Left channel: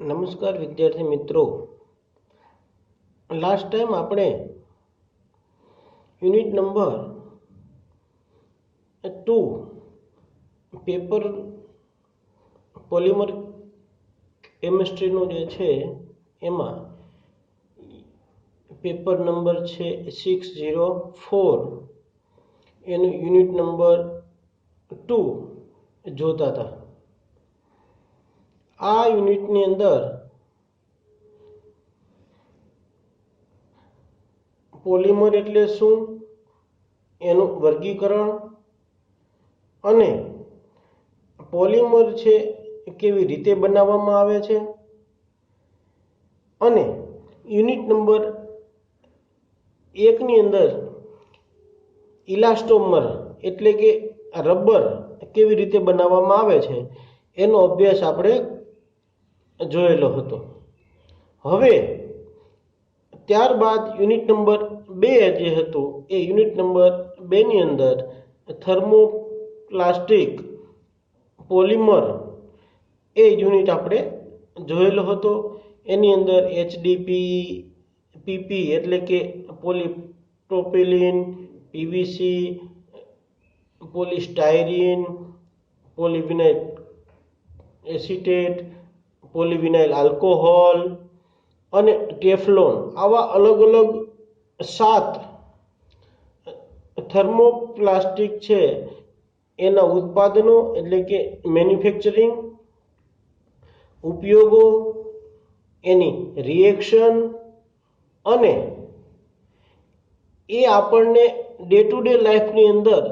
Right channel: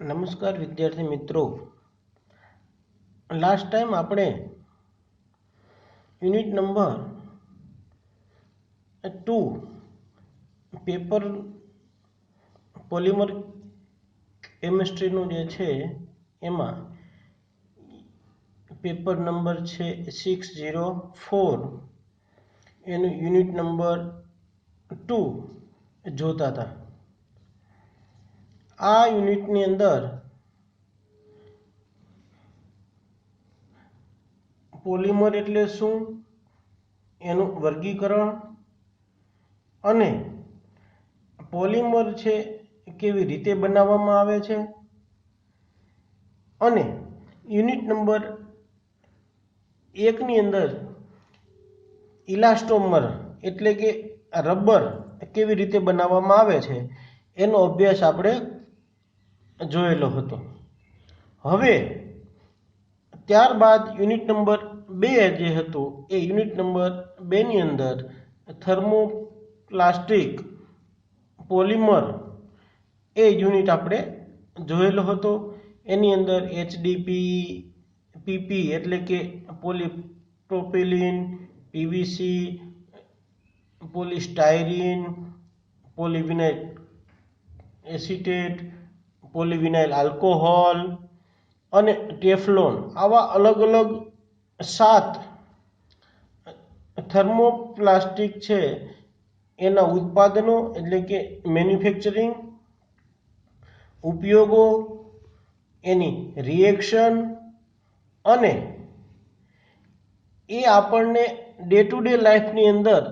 નમસ્કાર વિદ્યાર્થી મિત્રો, લાસ્ટ ટાઈમ આપણે યુનિટ નંબર 2 પેપર પોલિમર કેમિસ્ટ્રીનું જે છે એમાં પેપર નંબર છે 604 એનું યુનિટ નંબર 2 જોતા હતા. આ યુનિટની અંદર પોલિમર એટલે શું, એનું વર્ગીકરણ અને પોલિમર છે કેવી રીતે બનાવવામાં આવે છે અને યુનિટ નંબર 1 ની અંદર ઇલાસ્ટોમર એટલે કે રબર કેવી રીતે બનાવવામાં આવે છે એનો અભ્યાસ આપણે જોયેલો હતો. હવે ત્યારબાદ યુનિટ નંબર 2 જે હતું એ યુનિટ નંબર 2 ની અંદર થર્મોપ્લાસ્ટિક પોલિમર એ યુનિટ આપણે જોયેલો હતો. એની અંદર HDPE PP એટલે કે polypropylene, PVC, polystyrene, polyvinyl acetate, polyvinyl alcohol અને ટેફલોન આવા અલગ અલગ 7 થર્મોપ્લાસ્ટિક છે એના ઉત્પાદનો એટલે કે મેન્યુફેક્ચરિંગ, ઉપયોગો, એની રિએક્શન અને એ આપણને ડે ટુ ડે લાઈફની અંદર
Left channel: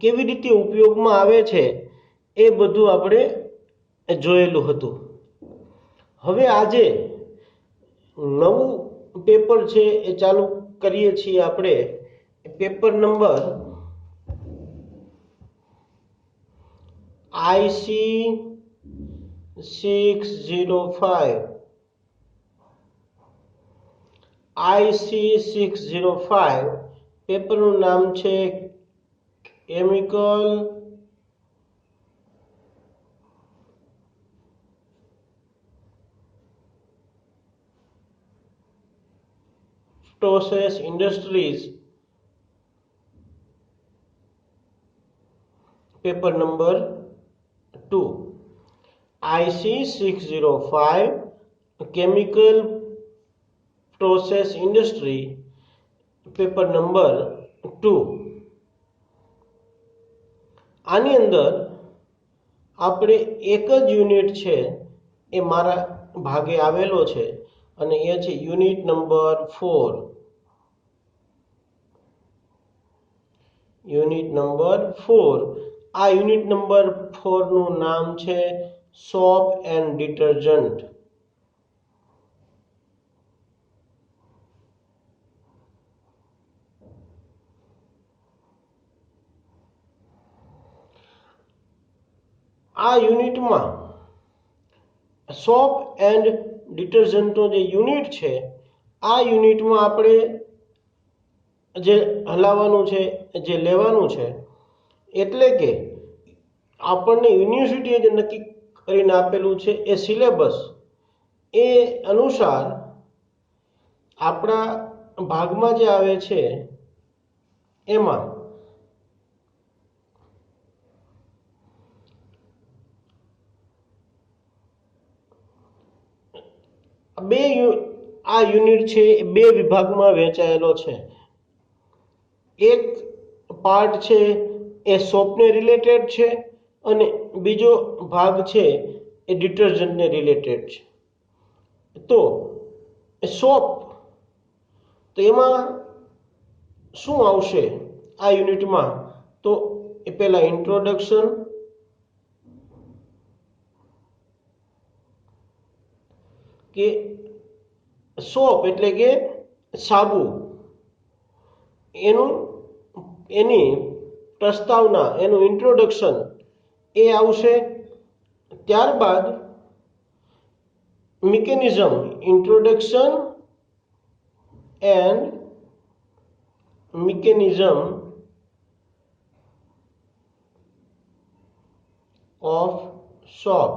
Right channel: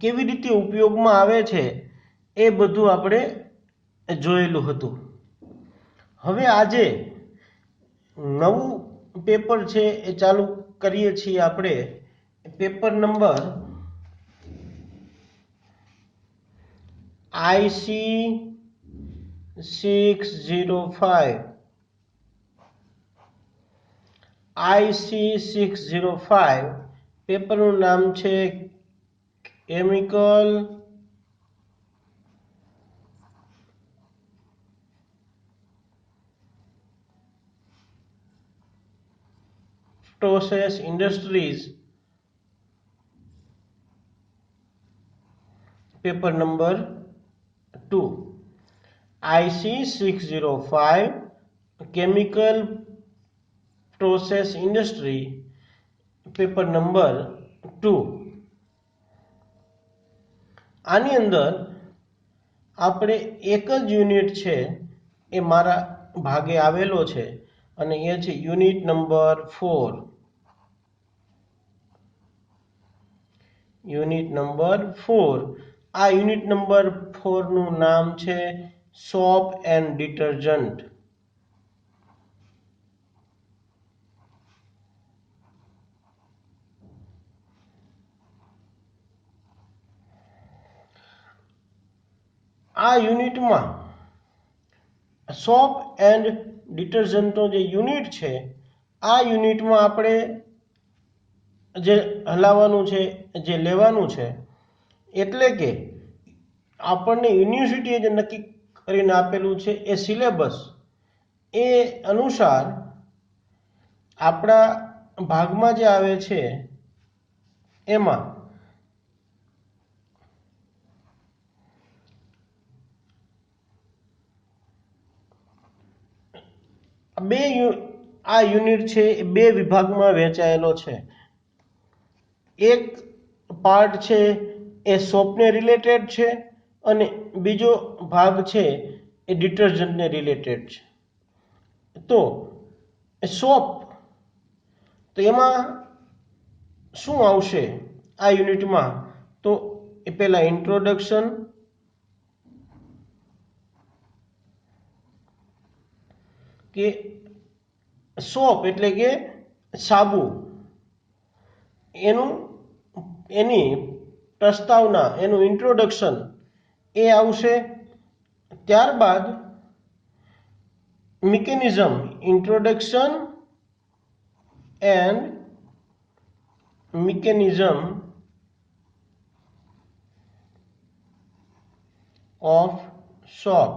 કેવી રીતે ઉપયોગમાં આવે છે એ બધું આપણે જોયેલું હતું. હવે આજે નવું પેપર છે એ ચાલુ કરીએ છીએ આપણે. પેપર નંબર IC605 પેપરનું નામ છે chemical process industries. Paper number 2 IC605 chemical process industry paper number 2. આની અંદર આપણે એક જ યુનિટ છે એ મારા ભાગે આવેલો છે અને એ છે યુનિટ નંબર 4. Unit number 4. આ યુનિટ નંબર 4 નું નામ છે સોપ એન્ડ ડિટર્જન્ટ. આ યુનિટમાં સોપ એન્ડ ડિટર્જન્ટનો જે યુનિટ છે આ યુનિટમાં આપણે જે હલાવવાનું છે, જે લેવાનું છે એટલે કે આપણને યુનિવર્સિટીએ જે નક્કી કરીને આપેલું છે એ સિલેબસ એ અનુસાર આપણા ભાગમાં જે આવે છે એમાં આ યુનિટ છે એ 2 વિભાગમાં વહેંચાયેલો છે. એક પાર્ટ છે એ સોપને રિલેટેડ છે અને બીજો ભાગ છે એ ડિટર્જન્ટને રિલેટેડ છે. તો સોપ તો એમાં શું આવશે આ યુનિટમાં, તો એ પહેલા ઇન્ટ્રોડક્શન, કે સોપ એટલે કે સાબુ, એની પ્રસ્તાવના, એનું ઇન્ટ્રોડક્શન એ આવશે. ત્યારબાદ mechanism, introduction and mechanism of soap.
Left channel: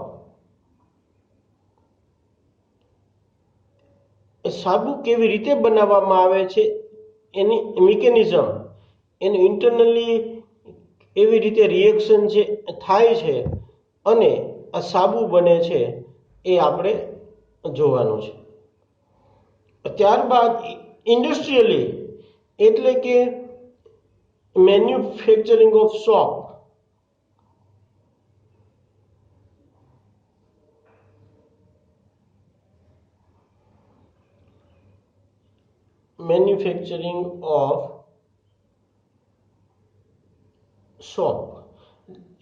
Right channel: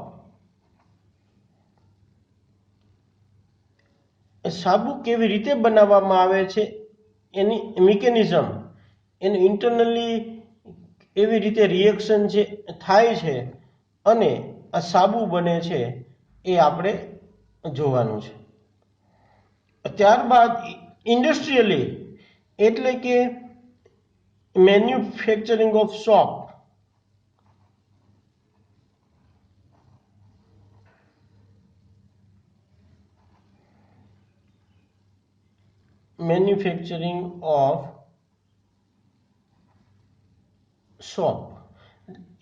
સાબુ કેવી રીતે બનાવવામાં આવે છે એની મિકેનિઝમ, એનું ઇન્ટરનલી એવી રીતે રિએક્શન જે થાય છે અને આ સાબુ બને છે એ આપણે જોવાનું છે. ત્યારબાદ ઇન્ડસ્ટ્રીયલી એટલે કે manufacturing of shop. Manufacturing of soap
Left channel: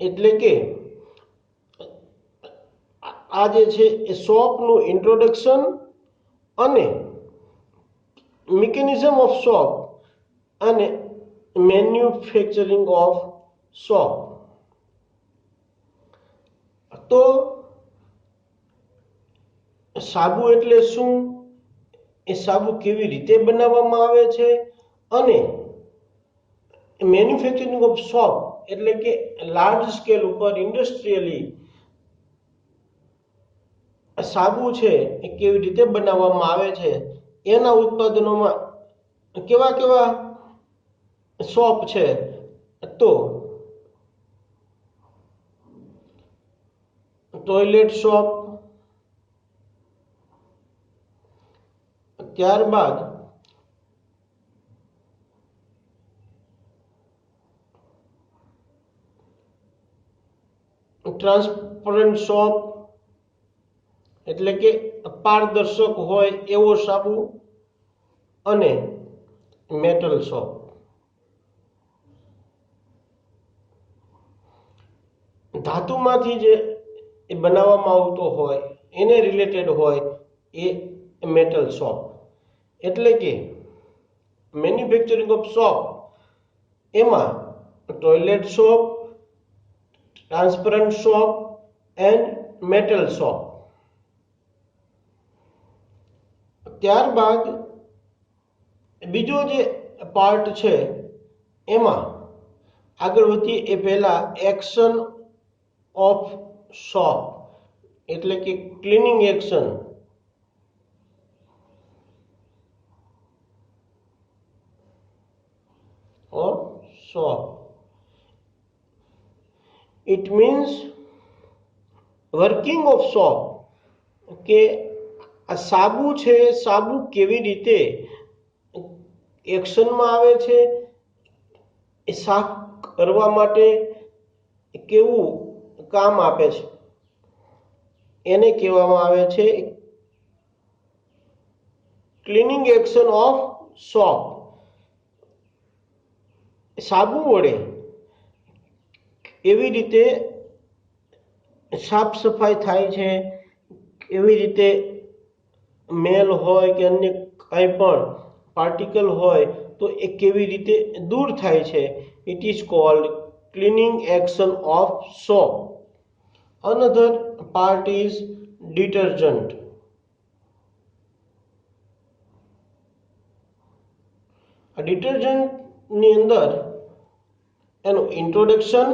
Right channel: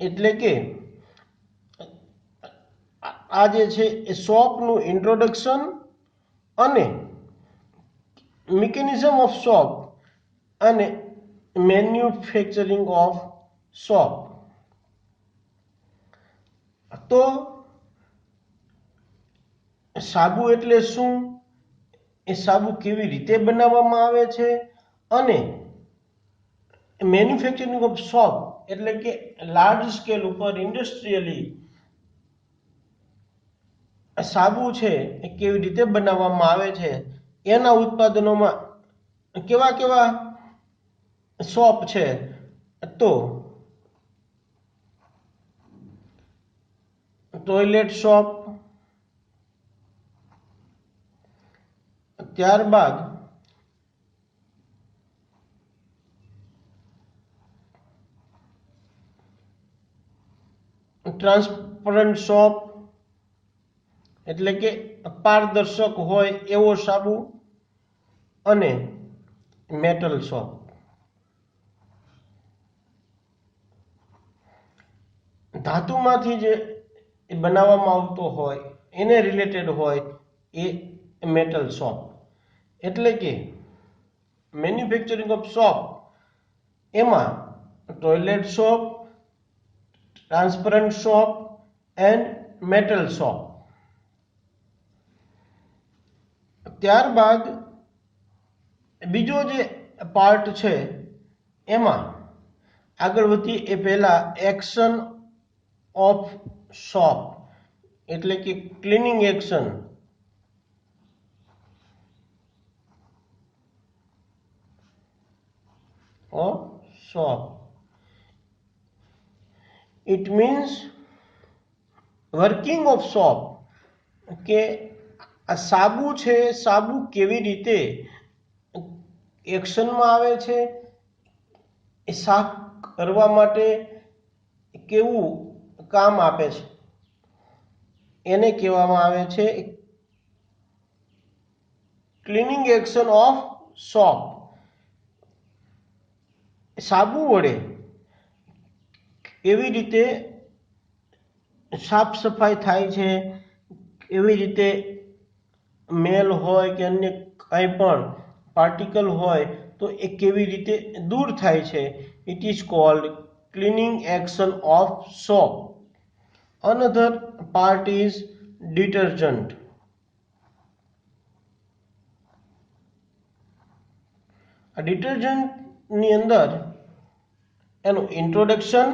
એટલે કે આ જે છે એ સોપનું ઇન્ટ્રોડક્શન અને મિકેનિઝમ ઓફ સોપ અને મેન્યુફેક્ચરિંગ ઓફ સોપ. તો સાબુ એટલે શું, એ સાબુ કેવી રીતે બનાવવામાં આવે છે અને મેન્યુફેક્ચરિંગ ઓફ સોપ એટલે કે લાર્જ સ્કેલ ઉપર ઇન્ડસ્ટ્રીયલી સાબુ છે એ કેવી રીતે બનાવવામાં આવે છે, એના ઉત્પાદનોમાં કેવા કેવા સોપ છે. તો ટોયલેટ સોપ, ત્યારબાદ ટ્રાન્સપરન્ટ સોપ એટલે કે પારદર્શક હોય એવો સાબુ અને મેટલ સોપ. ધાતુમાંથી જે બનાવવામાં આવતો હોય એને રિલેટેડ હોય એ મેટલ સોપ. એટલે કે મેન્યુફેક્ચરિંગ ઓફ સોપ એમાં toilet soap, transparent soap and metal soap. ત્યારબાદ બીજો જે પાર્ટ છે એમાં આગળ વધીએ એ પહેલા એક્શન ઓફ સોપ એટલે કે cleaning action. Of soap. It means working of soap. કે આ સાબુ છે, સાબુ કેવી રીતે એક્શનમાં આવે છે, એ સાફ કરવા માટે કેવું કામ આપે છે, એને કહેવામાં આવે છે ક્લિનિંગ એક્શન ઓફ સોપ. સાબુ વડે એવી રીતે સાફ સફાઈ થાય છે, એવી રીતે મેલ હોય કે અન્ય કંઈ પણ પાર્ટિકલ હોય તો એ કેવી રીતે દૂર થાય છે. It is called cleaning action of shop. Another part is detergent. આ ડિટર્જન્ટની અંદર એનું introduction,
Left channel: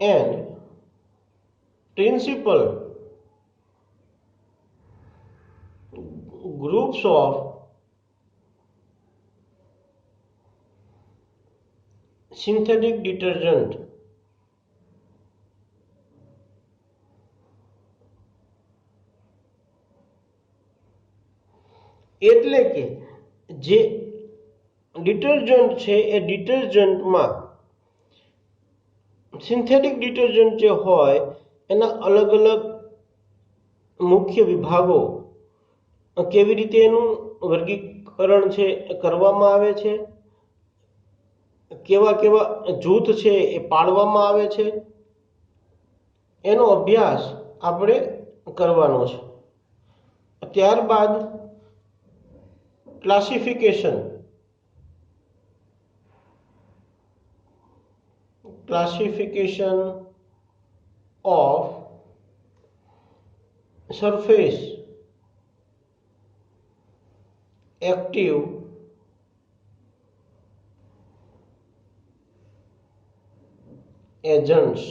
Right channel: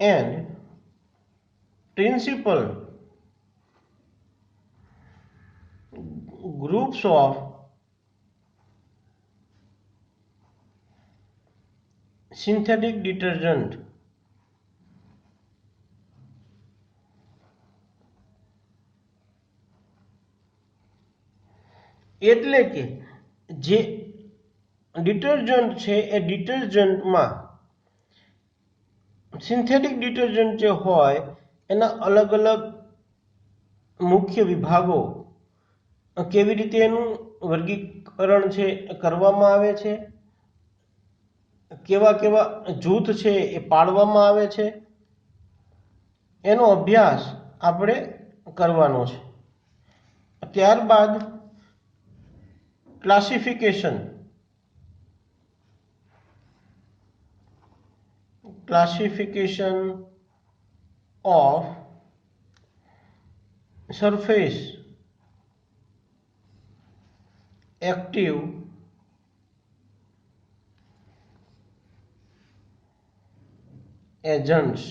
and principal groups of synthetic detergent. એટલે કે જે ડિટર્જન્ટ છે એ ડિટર્જન્ટમાં સિન્થેટિક ડિટર્જન્ટ જે હોય એના અલગ અલગ મુખ્ય વિભાગો કેવી રીતે એનું વર્ગીકરણ છે કરવામાં આવે છે, કેવા કેવા જૂથ છે એ પાડવામાં આવે છે, એનો અભ્યાસ આપણે કરવાનો છે. ત્યારબાદ classification of surface active agents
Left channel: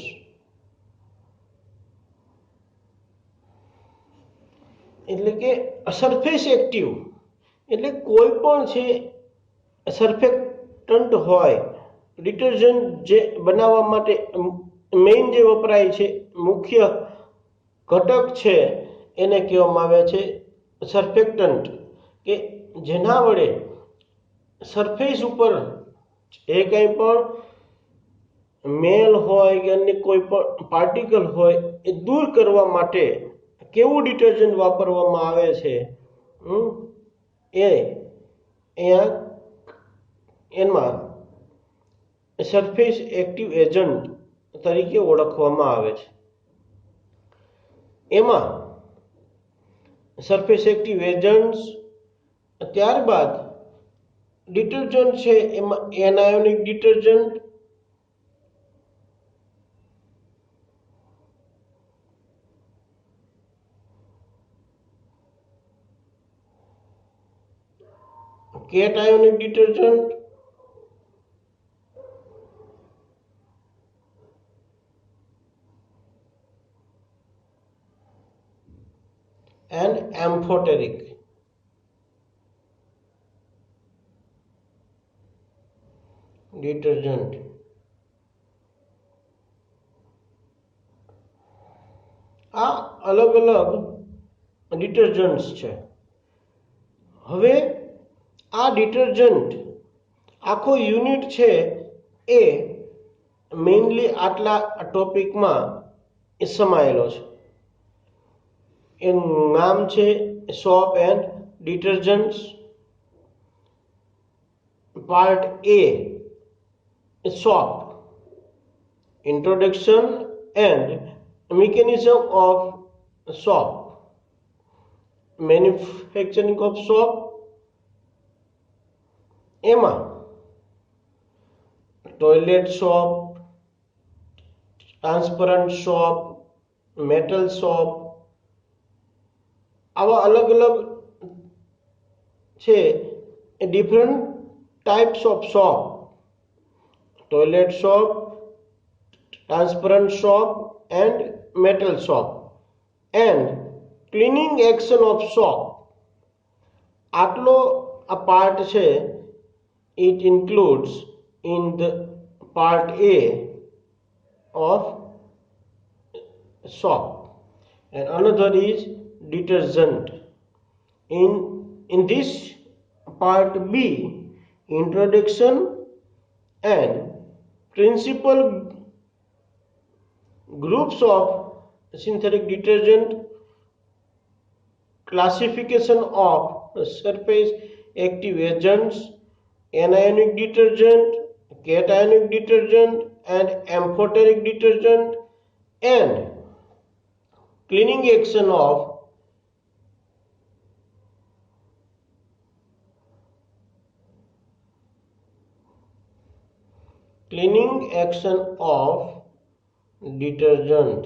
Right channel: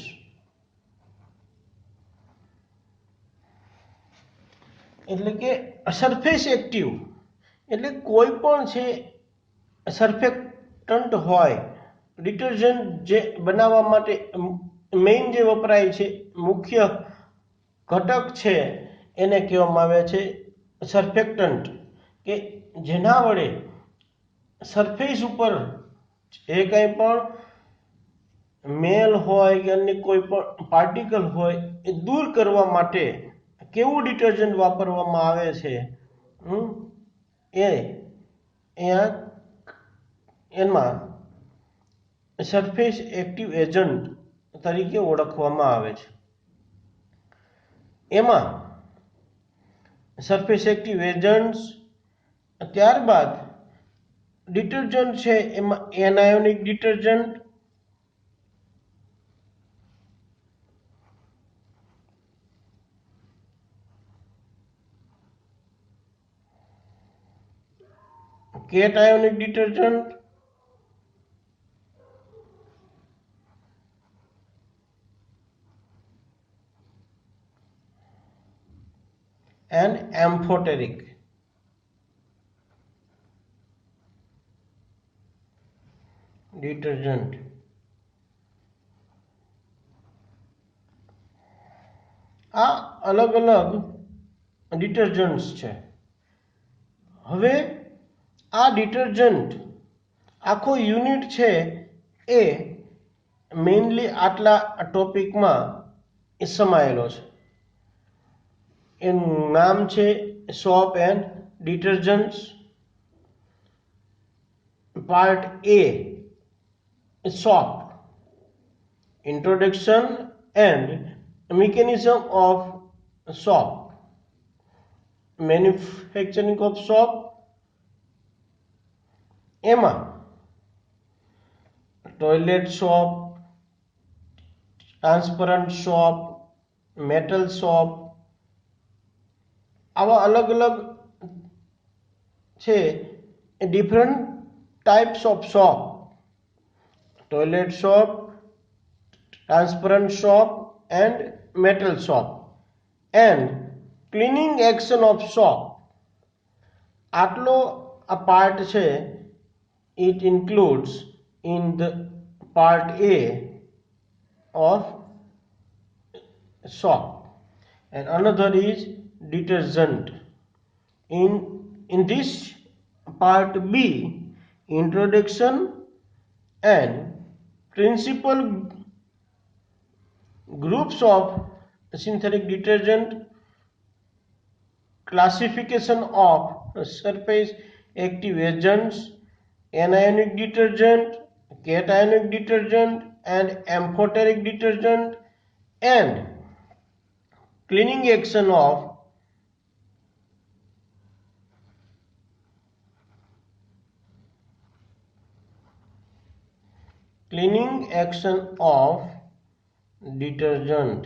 એટલે કે સરફેસ એક્ટિવ એટલે કોઈ પણ છે સર્ફેક્ટન્ટ હોય ડિટર્જન્ટ જે બનાવવા માટે મેઇન જે વપરાય છે મુખ્ય ઘટક છે એને કહેવામાં આવે છે સર્ફેક્ટન્ટ કે જેના વડે સરફેસ ઉપર જે કંઈ પણ મેલ હોય કે અન્ય કોઈ પણ પાર્ટિકલ હોય એ દૂર કરવા માટે કેવું ડિટર્જન્ટ વાપરવામાં આવે છે એ અહીંયા એમાં સરફેસ એક્ટિવ એજન્ટ તરીકે ઓળખવામાં આવે છે. એમાં સરફેસ એક્ટિવ એજન્ટ્સ, ત્યારબાદ ડિટર્જન્ટ છે એમાં anionic detergent, cationic detergent, and amphoteric. Detergent આ અલગ અલગ ડિટર્જન્ટ્સ છે. હવે આ ડિટર્જન્ટ આખો યુનિટ છે એ મેઇનલી આટલા ટોપિકમાં સમાયેલો છે. એનું નામ છે soap and detergents. Part A soap, introduction and mechanism of soap, manufacturing of soap. એમાં toilet soap, transparent soap, metal soap આવા અલગ અલગ છે એ different types of soap. Toilet soap, transparent soap and metal soap, and cleaning action of soap. આટલો આ part છે it includes in the part A of soap, and another is detergent. In this part B, introduction and principal groups of synthetic detergent, classification of surface active agents, anionic detergent, cationic detergent and amphoteric detergent, and cleaning action of detergent.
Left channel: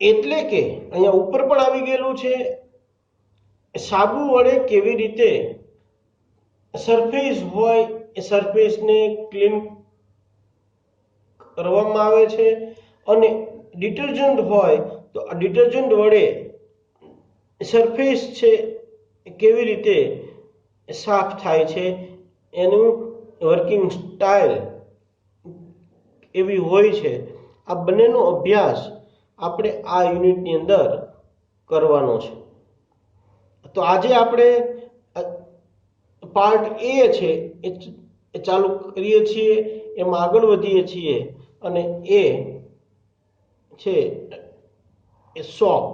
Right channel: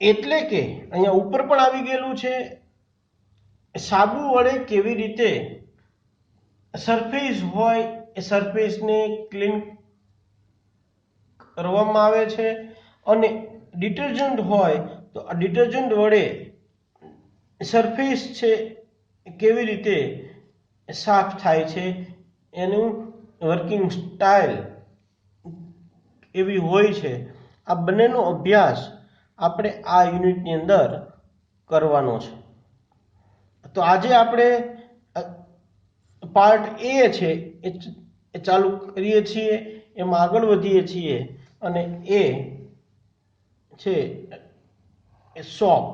એટલે કે અહીંયા ઉપર પણ આવી ગયેલું છે સાબુ વડે કેવી રીતે સરફેસ હોય એ સરફેસને ક્લીન કરવામાં આવે છે, અને ડિટર્જન્ટ હોય તો આ ડિટર્જન્ટ વડે સરફેસ છે કેવી રીતે સાફ થાય છે, એનું વર્કિંગ સ્ટાઇલ એવી હોય છે. આ બંનેનો અભ્યાસ આપણે આ યુનિટની અંદર કરવાનો છે. તો આજે આપણે પાર્ટ એ છે એ ચાલુ કરીએ છીએ, એમાં આગળ વધીએ છીએ, અને એ છે એ સોપ.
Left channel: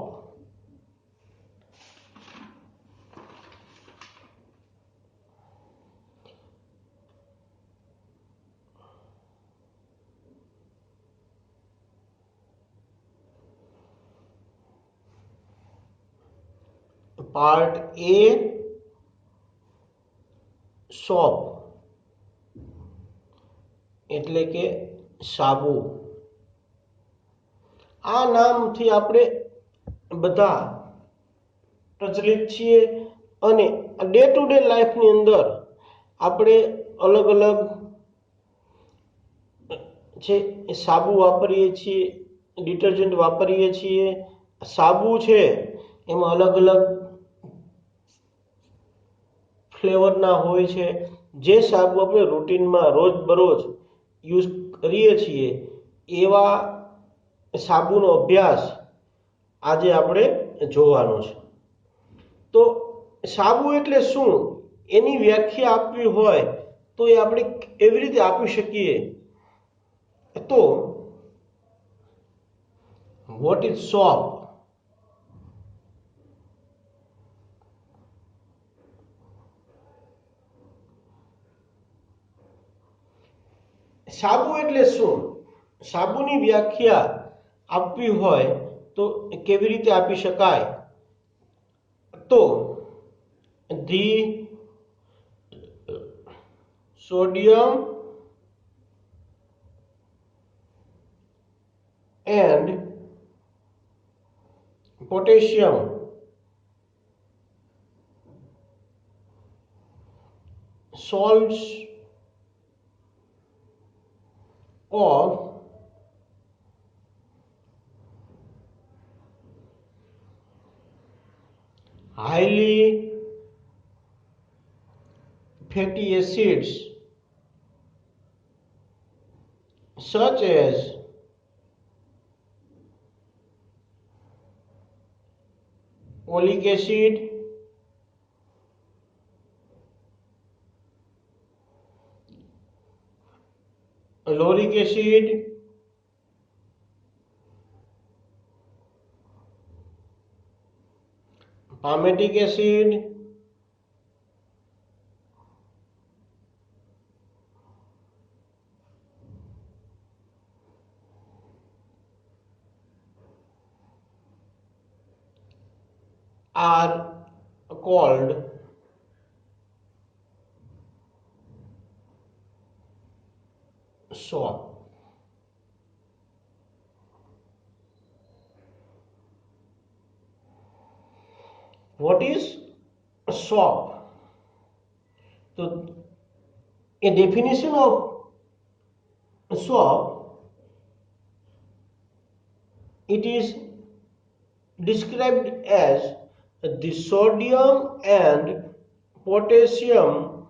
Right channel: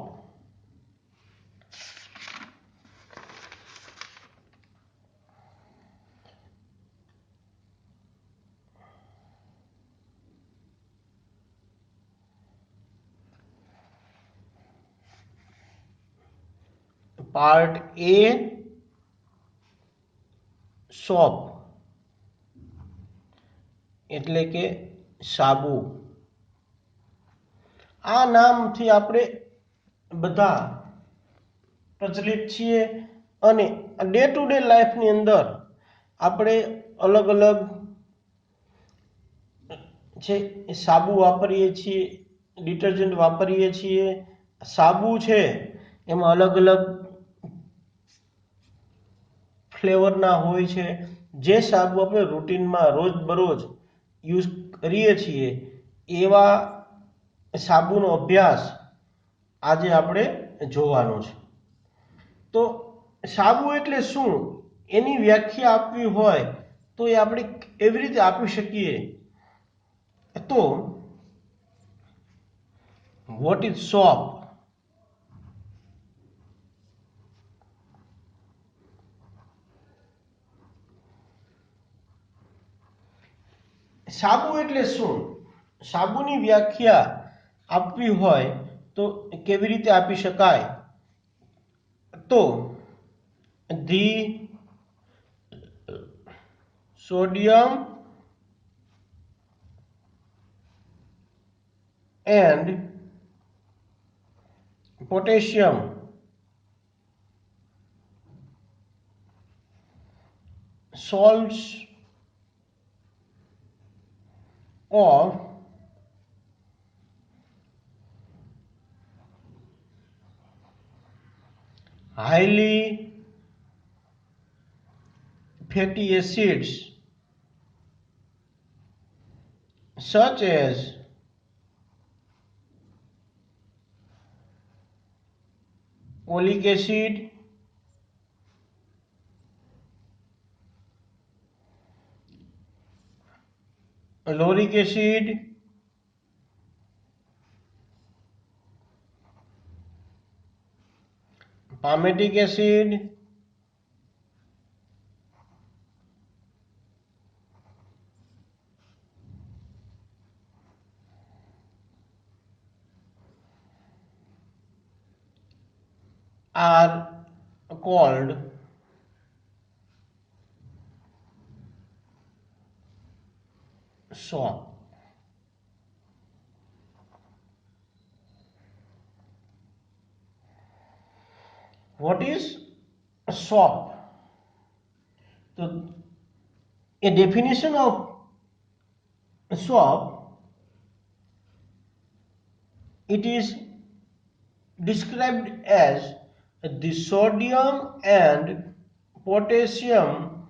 પાર્ટ એ સોપ એટલે કે સાબુ. આ નામથી આપણે બધા પ્રચલિત છીએ, અને ડે ટુ ડે લાઈફની અંદર આપણે અલગ અલગ છે સાબુ વાપરીએ છીએ, ડિટર્જન્ટ વાપરીએ છીએ. સાબુ છે એમાં અલગ અલગ ફ્લેવરના હોય છે. જે સાબુ આપણે રૂટીનમાં રોજબરોજ યુઝ કરીએ છીએ એવા સાબુનો અભ્યાસ આજે આપણે જોવાનો છે. તો સાબુ એટલે શું એની વ્યાખ્યા આપવી હોય તો એ આપણે એવી રીતે આપી શકીએ. તો વોટ ઇઝ સોપ? સાબુ એટલે શું? સાબુની વ્યાખ્યા આપવી હોય તો કેવી રીતે આપી શકાય? તો the sodium and potassium salts of highly fatty acids such as oleic acid, lauric acid, palmitic acid, are called soap. What is soap? So, a definition of soap, it is described as the sodium and potassium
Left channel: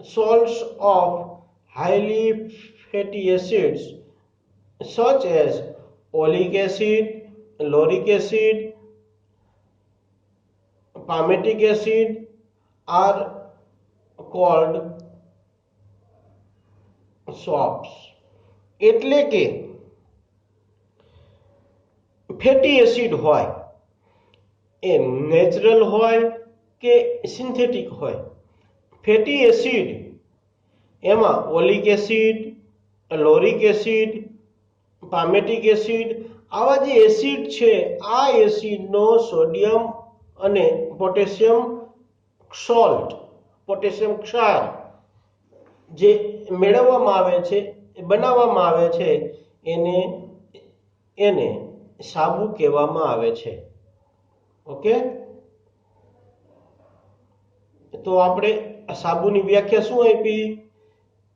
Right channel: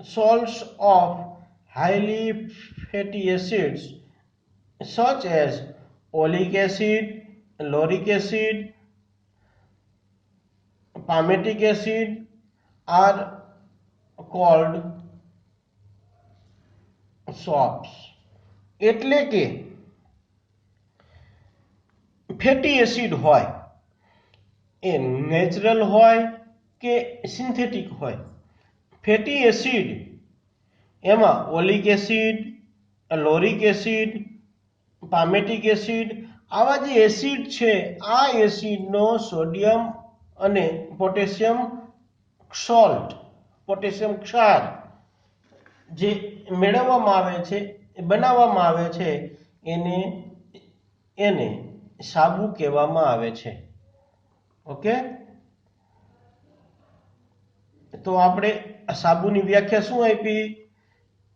salts of highly fatty acids such as oleic acid, lauric acid, palmitic acid are called soaps. એટલે કે fatty acid હોય એ natural હોય કે synthetic હોય. Fatty acid એમાં oleic acid, લોરિક acid, પામેટિક acid આવા જે acid છે આ એસિડનો સોડિયમ અને પોટેશિયમ સોલ્ટ, પોટેશિયમ ક્ષાર જે મેળવવામાં આવે છે, બનાવવામાં આવે છે એને એને સાબુ કહેવામાં આવે છે. ઓકે, તો આપણે સાબુની વ્યાખ્યા શું આપી?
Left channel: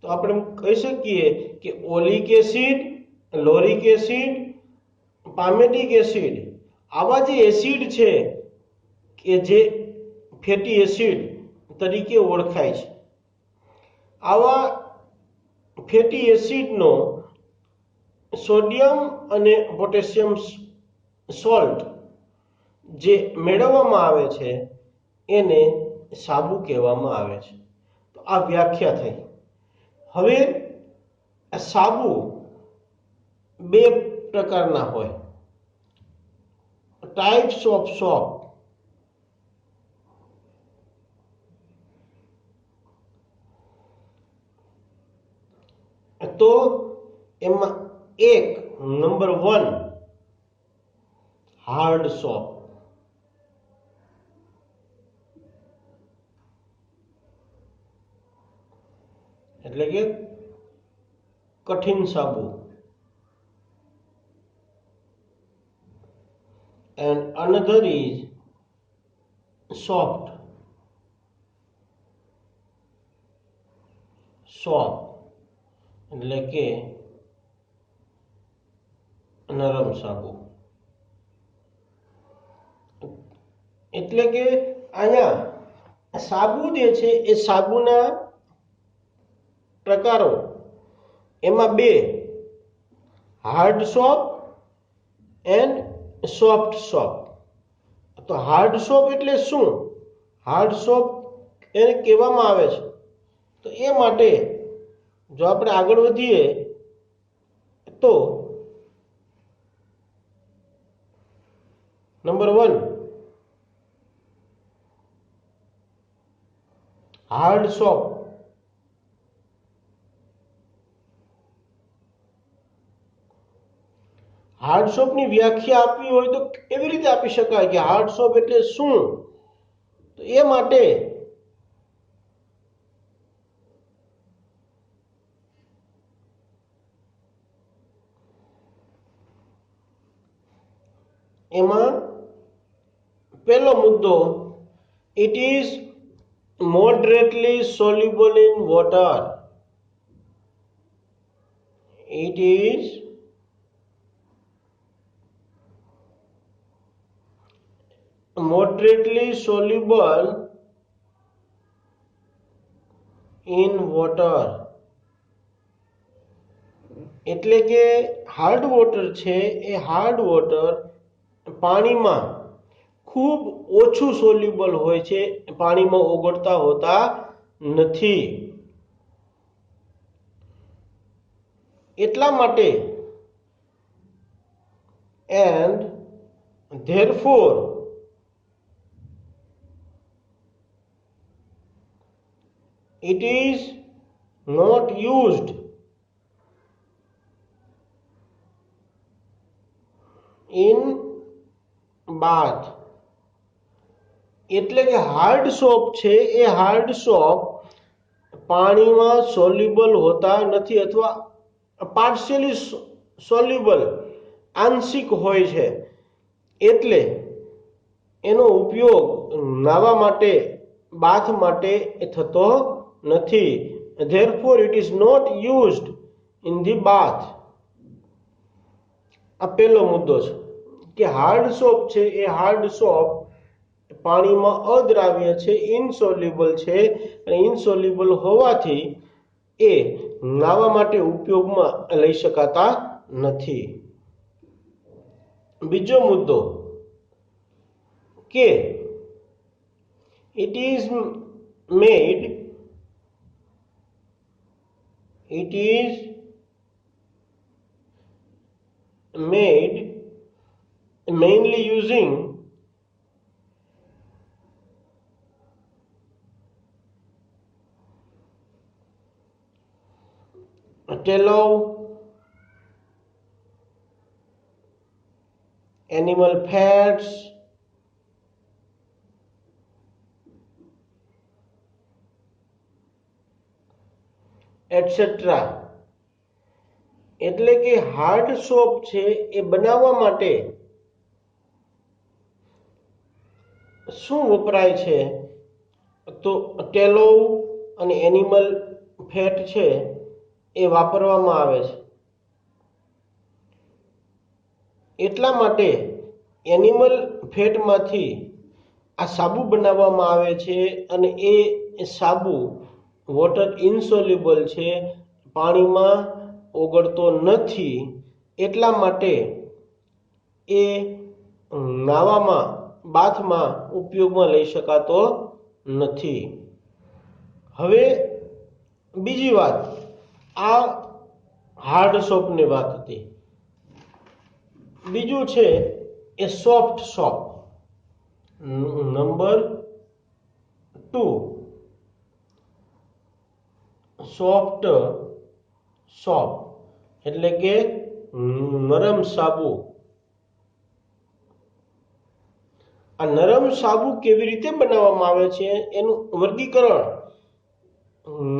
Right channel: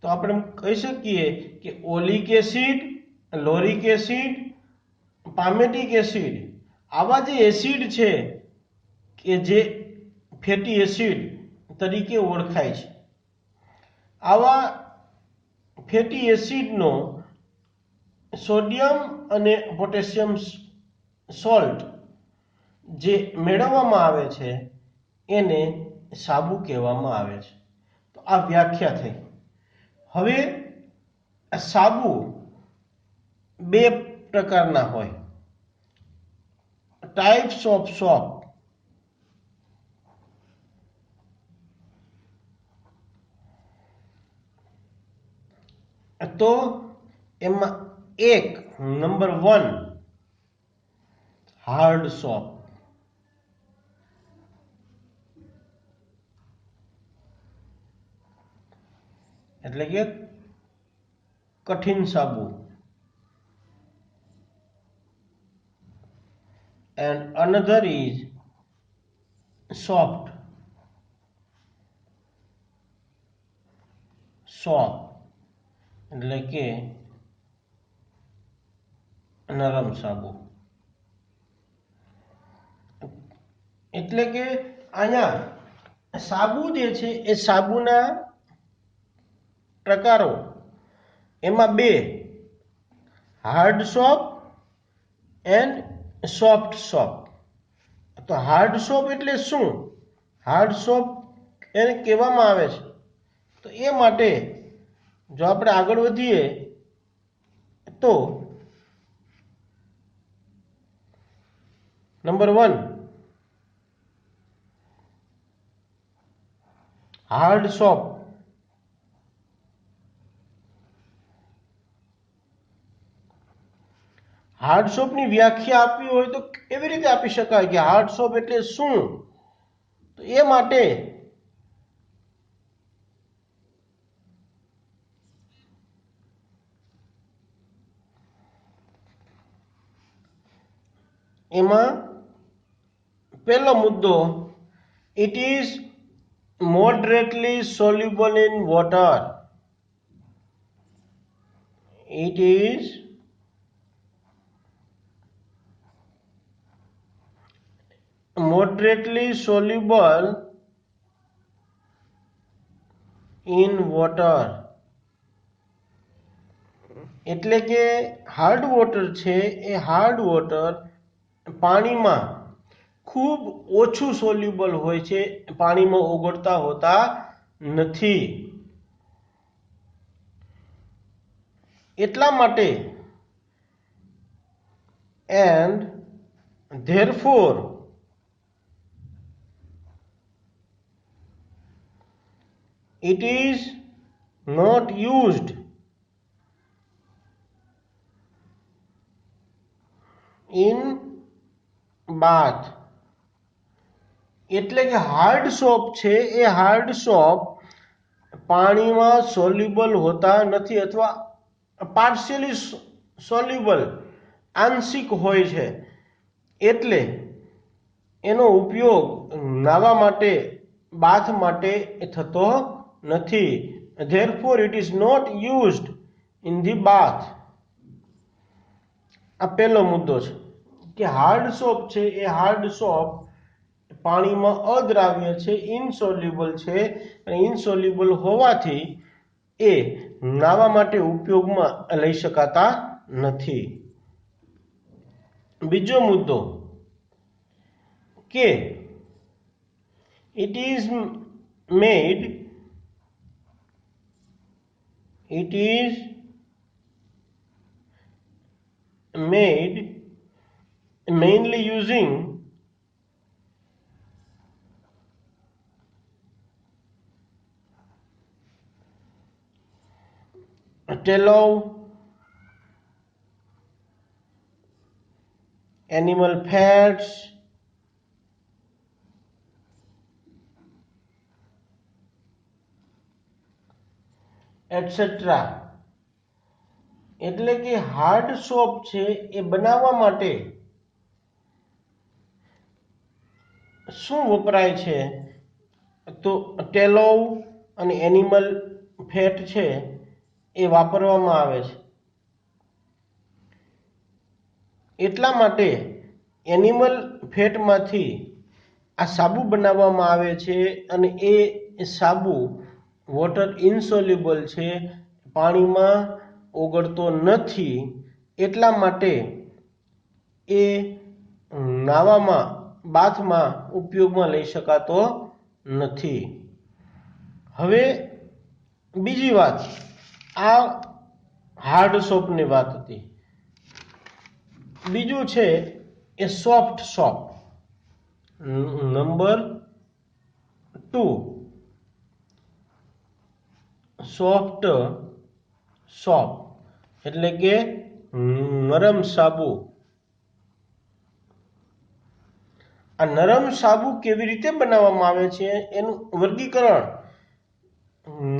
તો આપણે કહી શકીએ કે ઓલિક એસિડ, લોરિક એસિડ, પામેટિક એસિડ આવા જે એસિડ છે કે જે ફેટી એસિડ તરીકે ઓળખાય છે. આવા ફેટી એસિડનો સોડિયમ અને પોટેશિયમ સોલ્ટ જે મેળવવામાં આવે છે એને સાબુ કહેવામાં આવે છે. તો આ વ્યાખ્યા થઈ. હવે સાબુ બે પ્રકારના હોય. Types of shop. તો એમાં એક નંબર 1 હાર્ડ સોપ. એટલે કે કઠિન સાબુ. And another is soft. Soap એટલે કે નરમ સાબુ. એટલે કે અહીંયા સાબુ જે છે એ સાબુના પ્રકારો એમાં બે, hard soap and soft soap. તો હાર્ડ સોપ એટલે શું? હાર્ડ સોપ એને કહેવામાં આવે છે. તો એ માટે જો આપણે આગળ વધીએ તો નંબર 1, હાર્ડ સોપ. હાર્ડ સોપની વ્યાખ્યા આપવી હોય તો એવી રીતે આપી શકાય કે હાર્ડ સોપ એટલે શું? તો એ માટે એમાં પહેલો મુદ્દો, it is moderately soluble in water. It is moderately soluble in water. એટલે કે હાર્ડ વોટર છે એ હાર્ડ વોટર પાણીમાં ખૂબ ઓછું સોલ્યુબલ હોય છે, પાણીમાં ઓગળતા હોતા નથી. એટલા માટે and therefore it is not used in bath. એટલે કે હાર્ડ સોપ છે એ હાર્ડ સોપ પાણીમાં સોલ્યુબલ હોતા નથી અથવા પાર્શિયલી સોલ્યુબલ, આંશિક હોય છે. એટલે એનો ઉપયોગ નાહવા માટે, બાથ માટે થતો નથી. therefore it is not used in the bath. આ પહેલો મુદ્દો છે કે હાર્ડ સોપ છે એ હાર્ડ સોપ પાણીમાં અદ્રાવ્ય છે, ઇનસોલ્યુબલ છે, અને ઇનસોલ્યુબલ હોવાથી એ નાહવા માટે ઉપયોગમાં લઈ શકાતા નથી. બીજો મુદ્દો કે it is made mainly using tallow, animal fats, etc. એટલે કે હાર્ડ સોપ છે એ બનાવવા માટે શું વપરાય છે? તો ટેલો અને એનિમલ ફેટ છે એ વાપરવામાં આવે છે. એટલા માટે એનિમલ ફેટમાંથી આ સાબુ બનાવવામાં આવે છે અને એ સાબુ વોટર ઇનસોલ્યુબલ છે, પાણીમાં ઓગળતો નથી. એટલા માટે એ નાહવામાં, બાથમાં ઉપયોગમાં લઈ શકાતો નથી. હવે બીજી વાત, આ હાર્ડ સોપની વાત હતી. બીજું છે એ soft soap. Number 2, soft soap એટલે કે નરમ સાબુ. આ નરમ સાબુ કેવી રીતે બનાવવામાં આવે છે એનું વર્ગીકરણ.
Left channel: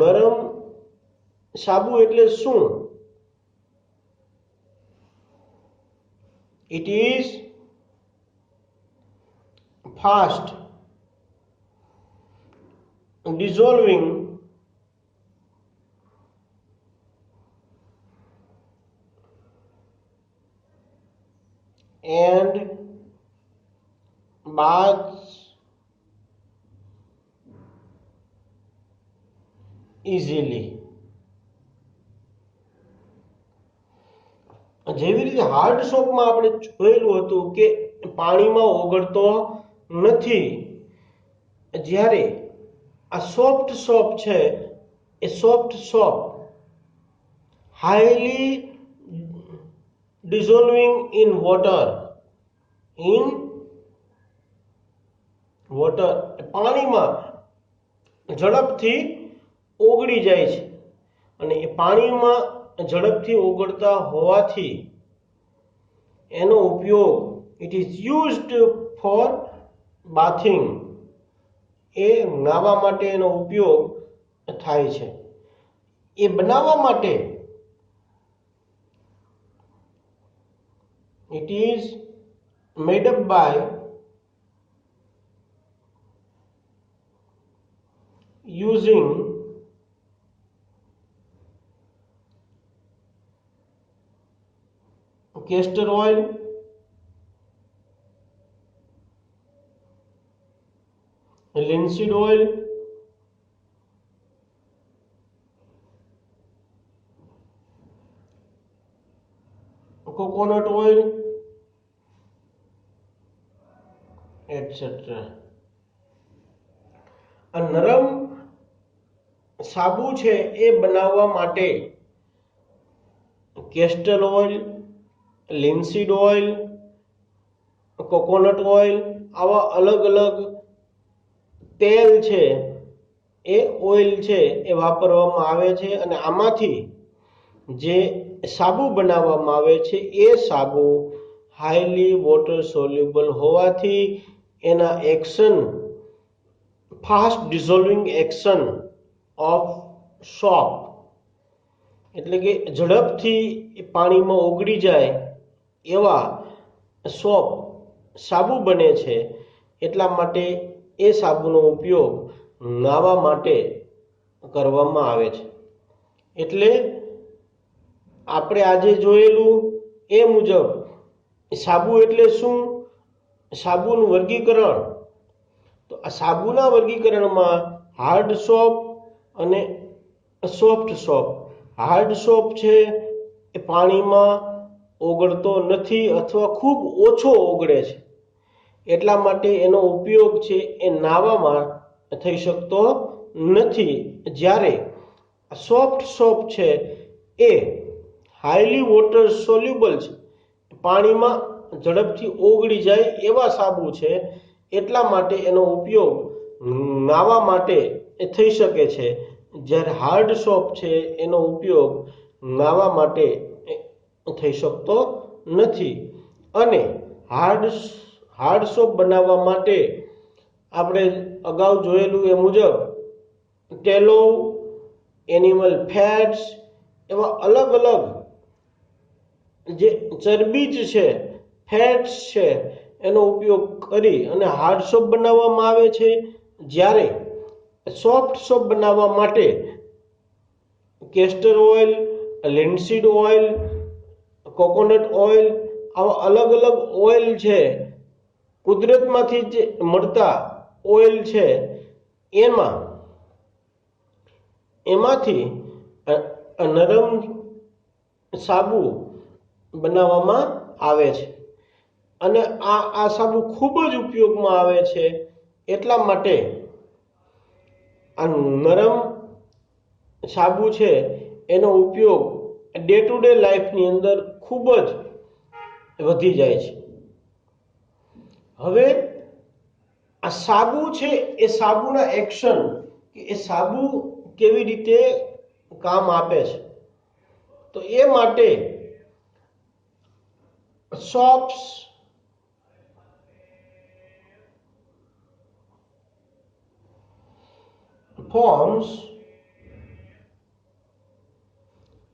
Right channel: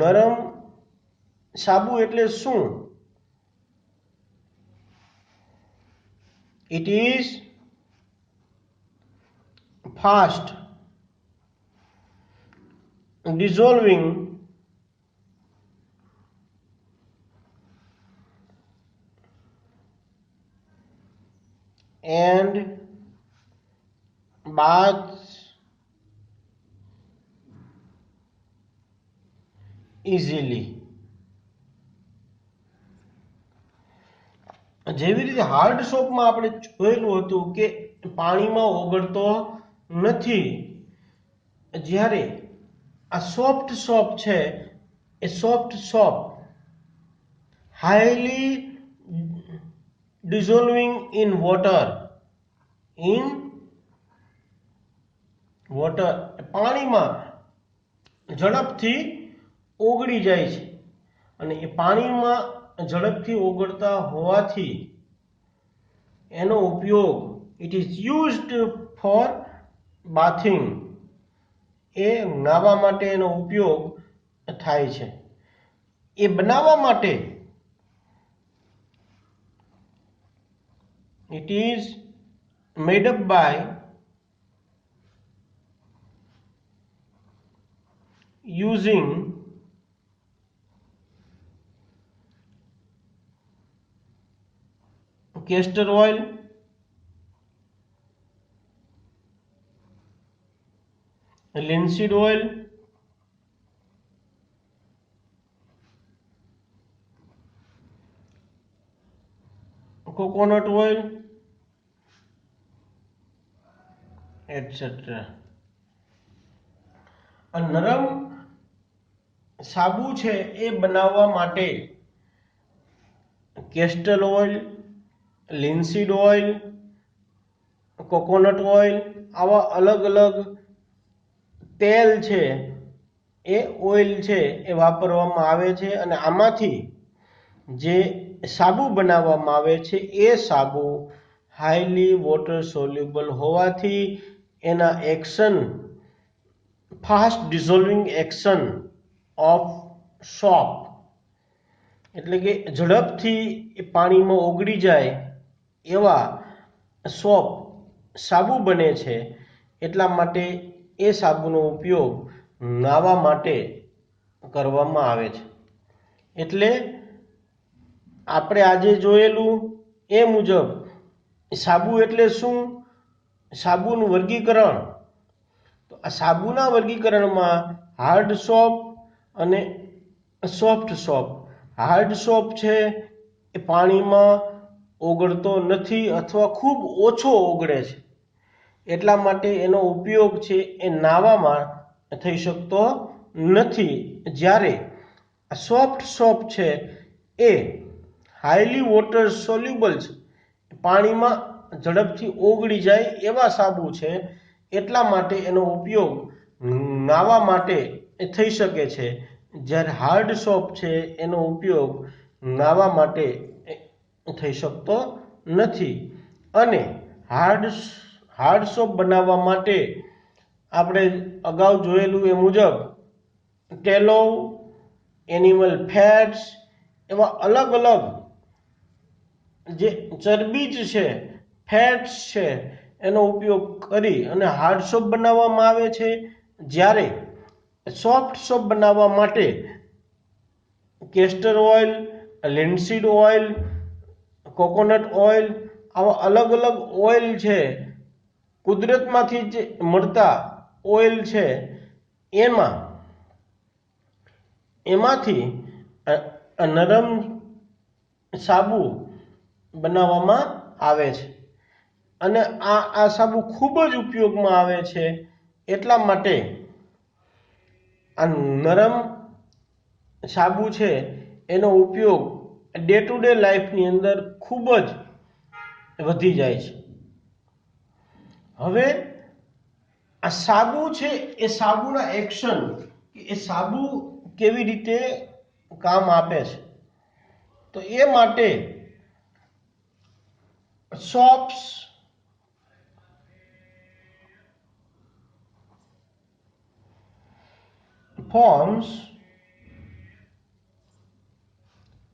નરમ સાબુ એટલે શું? It is fast dissolving and baths easily. જેવી રીતે હાર્ડ સોપમાં આપણે જોયેલું હતું કે પાણીમાં ઓગળતો નથી, જ્યારે આ સોફ્ટ સોપ છે એ soft soap highly dissolving in water, પાણીમાં ઝડપથી ઓગળી જાય છે અને એ પાણીમાં ઝડપથી ઓગળતા હોવાથી એનો ઉપયોગ it is used for bathing, એ નાહવા માટે એનો ઉપયોગ થાય છે. એ બનાવવા માટે it is made up by using castor oil, linseed oil, coconut oil, etc. આ નરમ સાબુ છે એ બનાવવા માટે castor oil, linseed oil, coconut oil આવા અલગ અલગ તેલ છે એ ઓઇલ છે એ વાપરવામાં આવે છે અને આમાંથી જે સાબુ બનાવવામાં આવે છે એ સાબુ હાઈલી વોટર સોલ્યુબલ હોવાથી એના action fast dissolving action of soap, એટલે કે ઝડપથી પાણીમાં ઓગળી જાય એવા સોપ સાબુ બને છે. એટલા માટે એ સાબુનો ઉપયોગ નાહવા માટે કરવામાં આવે છે. એટલે આપણે આજે જોયેલું એ મુજબ સાબુ એટલે શું, સાબુનું વર્ગીકરણ, તો આ સાબુના વર્ગીકરણમાં હાર્ડ સોપ અને સોફ્ટ સોપ. હાર્ડ સોપ છે એ પાણીમાં ઓગળતો નથી અથવા ખૂબ ઓછો ઓગળે છે, એટલા માટે એનો ઉપયોગ છે એ નાહવામાં થઈ શકતો નથી. જ્યારે સોફ્ટ સોપ છે એ હાઈલી વોટર સોલ્યુબલ છે, પાણીમાં ઝડપથી ઓગળી જાય એવા સાબુ છે, એટલા માટે એનો ઉપયોગ નાહવા માટે થઈ શકે છે. જ્યારે હાર્ડ સોપ છે એનો ઉપયોગ નાહવા માટે થઈ શકતો નથી. અને હાર્ડ સોપ બનાવવા માટે આપણે અગાઉ જોયેલું એ મુજબ ટેલો, એનિમલ ફેટ્સ એવા અલગ અલગ જે ચરબીજ છે, ફેટ્સ છે, એનો ઉપયોગ કરી અને હાર્ડ સોપ બનાવવામાં આવે છે. જ્યારે સોફ્ટ સોપ બનાવવા માટે castor oil, linseed oil, coconut oil આવા અલગ અલગ ઓઇલ છે, કુદરતમાંથી જે મળતા ઓઇલ છે એમાંથી નરમ સાબુ બનાવવામાં આવે છે. અને આ સાબુ ખૂબ જ ઉપયોગમાં આવે છે. એટલા માટે આ નરમ સાબુ છે એનો ઉપયોગ ડે ટુ ડે લાઈફની અંદર ખૂબ જ વધી જાય છે. હવે આ સાબુ છે એ સાબુના એક્શન, એ સાબુ કેવી રીતે કામ આપે છે, તો એ માટે soaps forms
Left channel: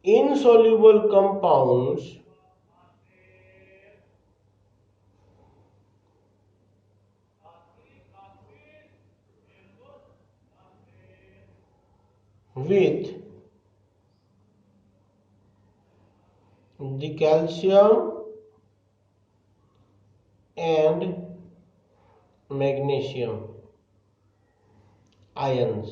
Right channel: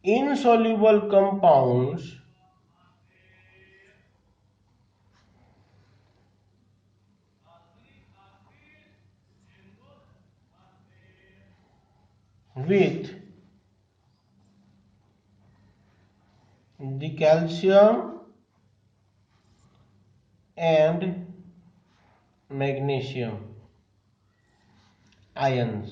insoluble compounds with the calcium and magnesium ions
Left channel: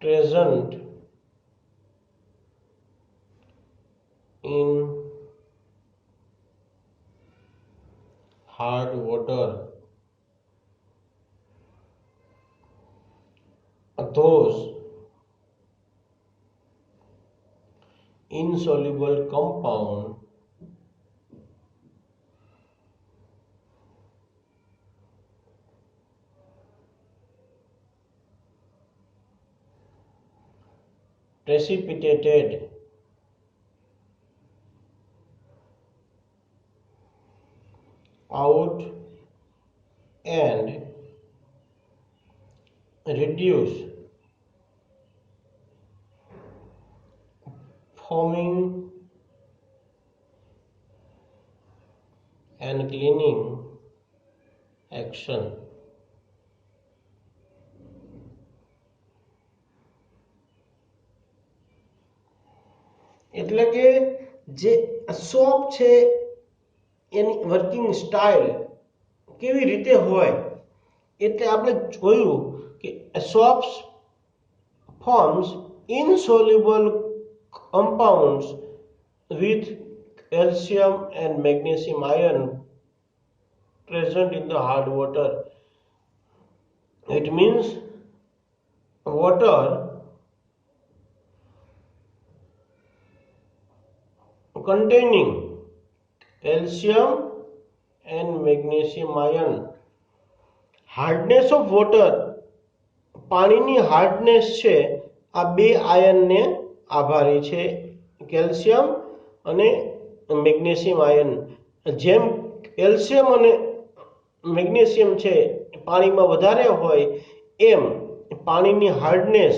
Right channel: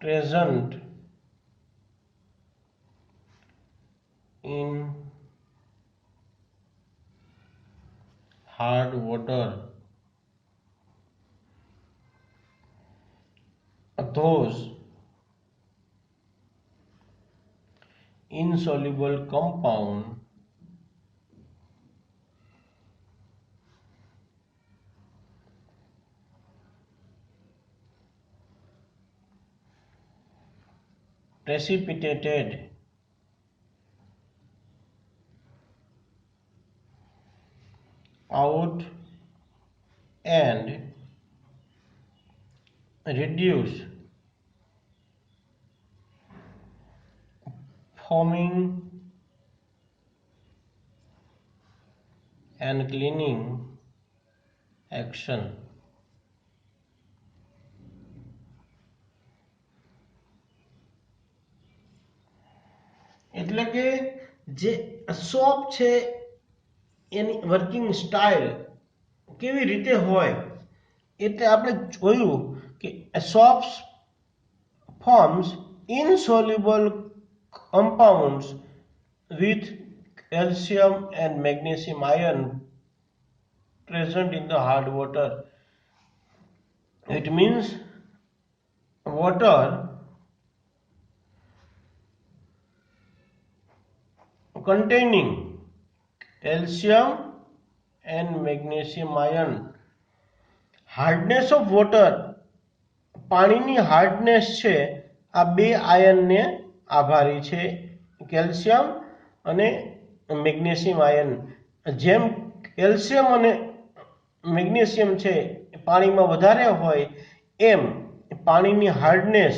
present in hard water, those insoluble compound precipitated out and reduce, foaming and cleaning action. એટલે કે જે સોપ છે એની વર્કિંગ સ્ટાઇલ કેવી રીતે હોય, એટલે આપણે જોયું કે soaps forms insoluble compounds with calcium and magnesium ion present in the hard water. It means water containing calcium and magnesium ion. Hardness of water, પાણીની હાર્ડનેસ છે આ બે આયનને આભારી છે, કેલ્શિયમ અને મેગ્નેશિયમ આયન. જેમ કેલ્શિયમ અને મેગ્નેશિયમ છે પાણીમાં વધારે હોય એમ પાણીની હાર્ડનેસ,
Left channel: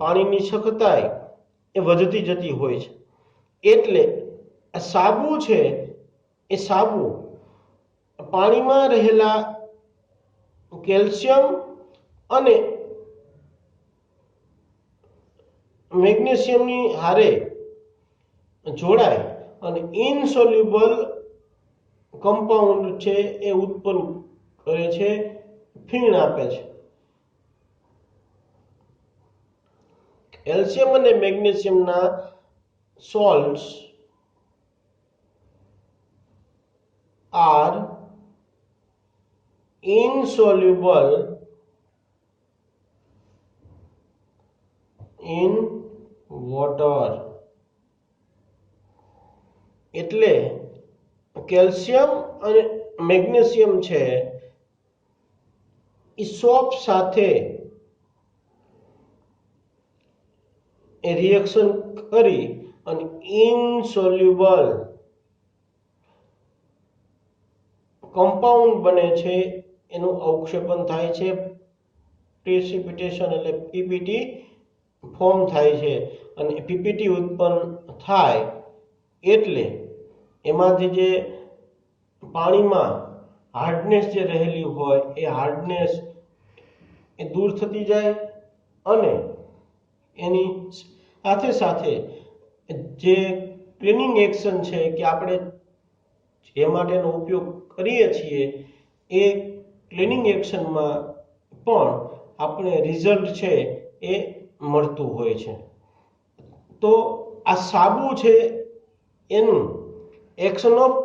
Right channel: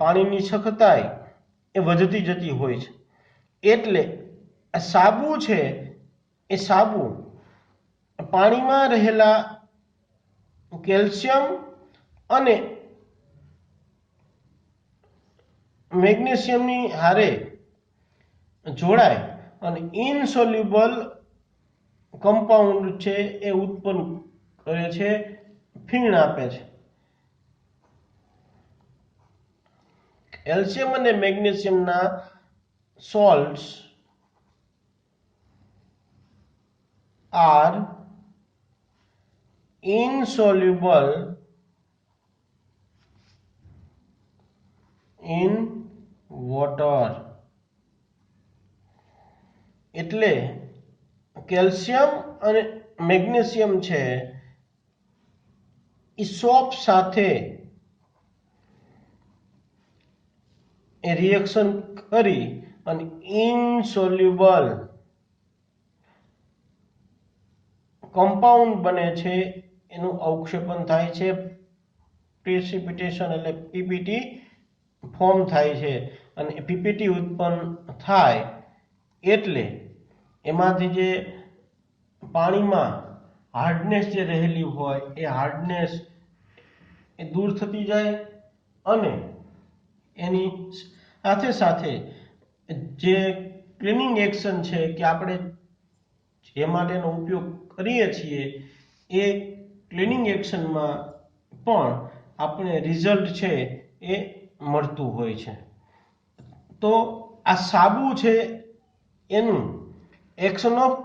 પાણીની સખતાઈ એ વધતી જતી હોય છે. એટલે સાબુ છે એ સાબુ પાણીમાં રહેલા કેલ્શિયમ અને મેગ્નેશિયમની હારે જોડાય અને ઇનસોલ્યુબલ કમ્પાઉન્ડ છે એ ઉત્પન્ન કરે છે, ફીણ આપે છે. કેલ્શિયમ અને મેગ્નેશિયમના salts are insoluble in water. એટલે કેલ્શિયમ અને મેગ્નેશિયમ છે એ સોપ સાથે રિએક્શન કરી અને ઇનસોલ્યુબલ કમ્પાઉન્ડ બને છે, એનું અવક્ષેપણ થાય છે, પ્રેસિપિટેશન એટલે પીપીટી ફોર્મ થાય છે અને પીપીટી ઉત્પન્ન થાય એટલે એમાંથી જે પાણીમાં હાર્ડનેસ જે રહેલી હોય એ હાર્ડનેસ એ દૂર થતી જાય અને એની સાથે સાથે જે ક્લીનિંગ એક્શન છે કે આપણે જે માટેનો ઉપયોગ કરીએ છીએ એ ક્લીનિંગ એક્શનમાં પણ આપણે રિઝલ્ટ છે એ મળતું હોય છે. તો આ સાબુ છે એનું એક્શન ઓફ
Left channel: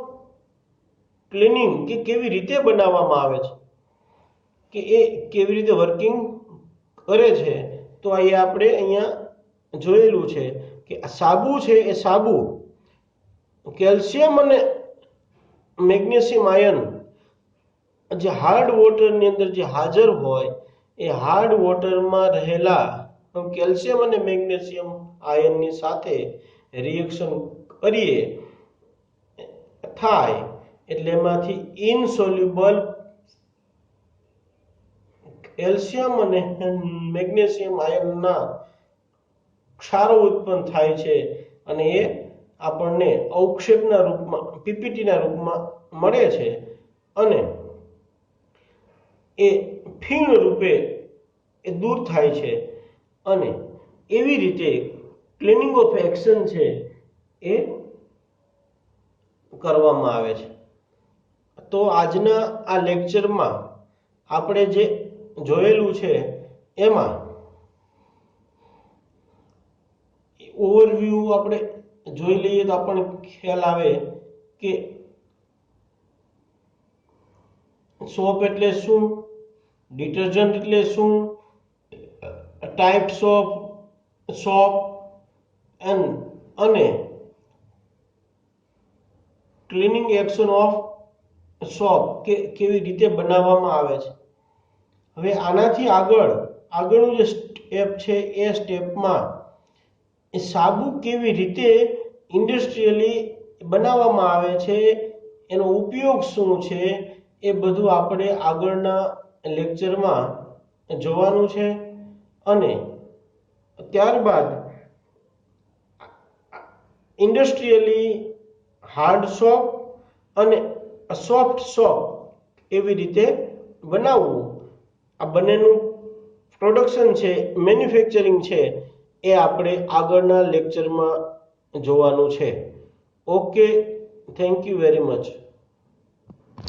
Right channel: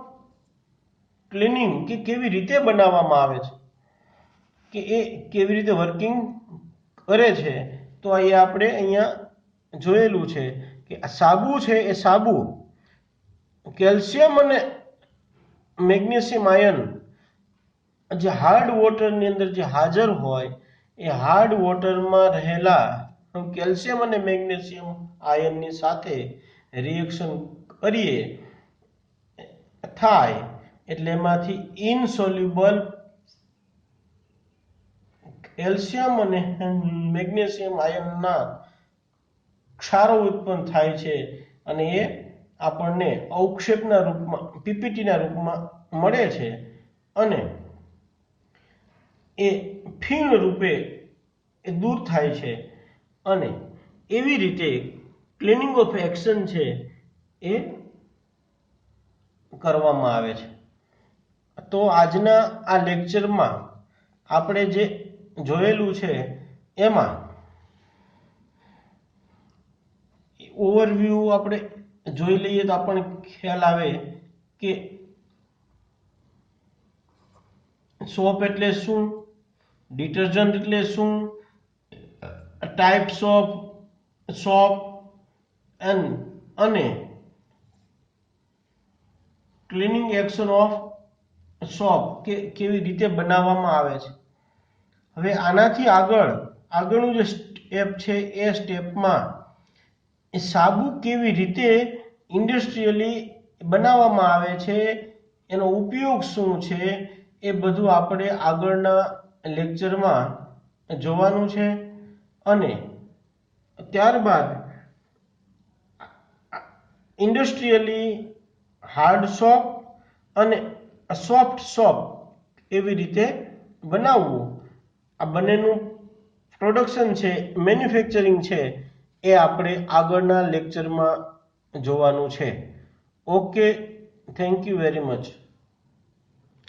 ક્લીનિંગ કે કેવી રીતે બનાવવામાં આવે છે કે એ કેવી રીતે વર્કિંગ કરે છે, તો એ આપણે અહીંયા જોયેલું છે કે આ સાબુ છે એ સાબુ કેલ્શિયમ અને મેગ્નેશિયમ આયન જે હાર્ડ વોટરની અંદર જે હાજર હોય એ હાર્ડ વોટરમાં રહેલા કેલ્શિયમ અને મેગ્નેશિયમ આયનની સાથે રિએક્શન કરીએ થાય એટલે એમાંથી ઇનસોલ્યુબલ કેલ્શિયમ અને મેગ્નેશિયમ આયનના ક્ષારો ઉત્પન્ન થાય છે અને એ આપણને અવક્ષેપના રૂપમાં પીપીટીના રૂપમાં મળે છે અને એ ફીણ રૂપે એ દૂર થાય છે અને એવી રીતે ક્લીનિંગ ઓફ એક્શન છે એ કરવામાં આવે છે. તો આજના આ લેક્ચરમાં આપણે જે જોયેલું છે એમાં ઓવરવ્યૂ આપણે જોઈ લઈએ તો આપણને ખ્યાલ આવે કે સોપ એટલે શું, ડિટર્જન્ટ એટલે શું, ટાઈપ્સ ઓફ સોપ અને ક્લીનિંગ એક્શન ઓફ સોપ કે કેવી રીતે બનાવવામાં આવે છે. હવે આનાથી આગળનું જે સ્ટેપ છે એ સ્ટેપમાં એ સાબુ કેવી રીતે ઇન્ડસ્ટ્રીયલી બનાવવામાં આવે છે, એનો ઉપયોગ શું છે, એ બધું આપણે આગળના લેક્ચરમાં જોવાનું છે. અને ત્યારબાદ ઇન્ડસ્ટ્રીયલી હાર્ડ સોપ અને સોફ્ટ સોપ એવી રીતે બનાવવું, આ બંનેનું પ્રોડક્શન છે, મેન્યુફેક્ચરિંગ છે, એ આપણે આગળના લેક્ચરમાં જોવાનું છે. Okay, thank you very much.